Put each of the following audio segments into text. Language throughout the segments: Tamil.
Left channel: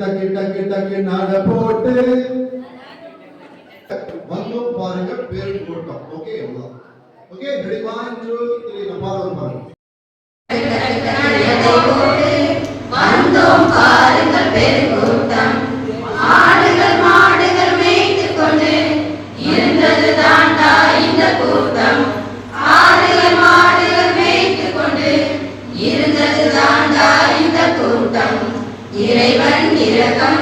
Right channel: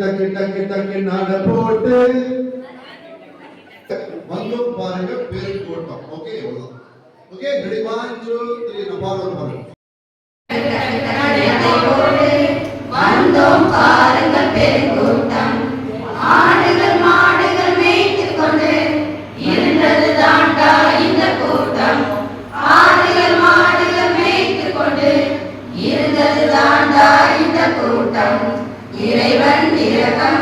டக்கு டக்கு டக்கு நட போட்டு. வந்தும் பாருங்க பேரு கூட்டம் ஓகே இவ்வளவுதான் okay ready one two three நான் பாருங்க பாருங்க. வந்தோம் பாருங்கள் பெருங்கூட்டம் ஆடுகள் மாடுகள் மேய்த்து கொண்டு இருந்தது தாண்டா இந்த கூட்டம். ஆடுகள் மாடுகள் மேய்த்து கொண்டு இருந்தது தாண்டா இந்த கூட்டம். இறைவன் இரக்கம்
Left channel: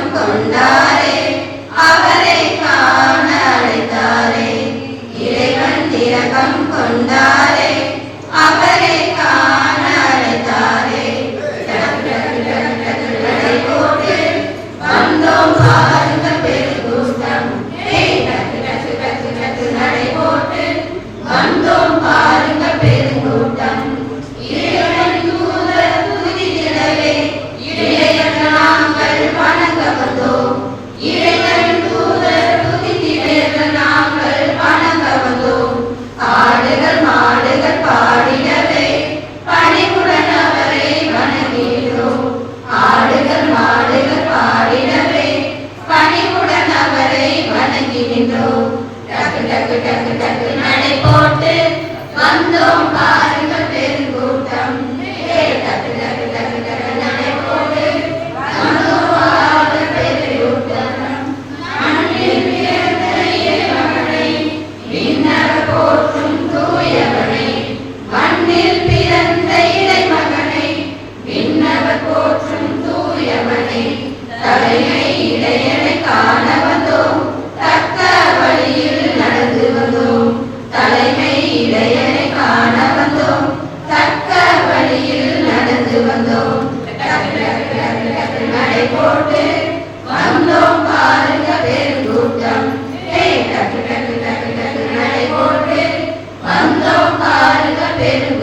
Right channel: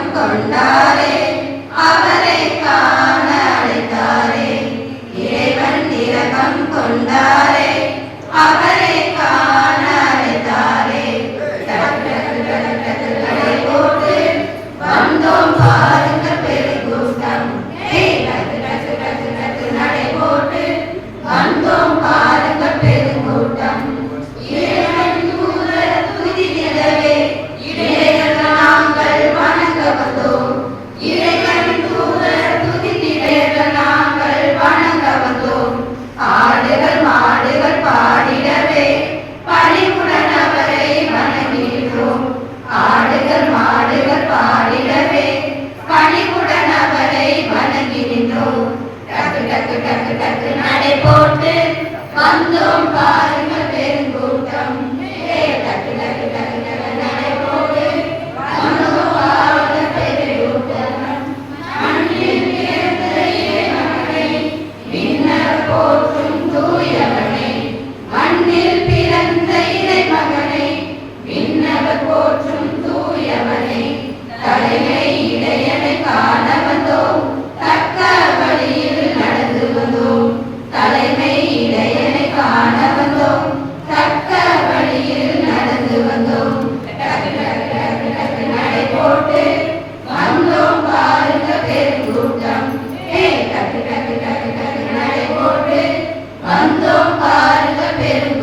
டக்கு டக்கு டக்கு டக்கு நடை போட்டு வந்தோம் பாருங்க. പേരും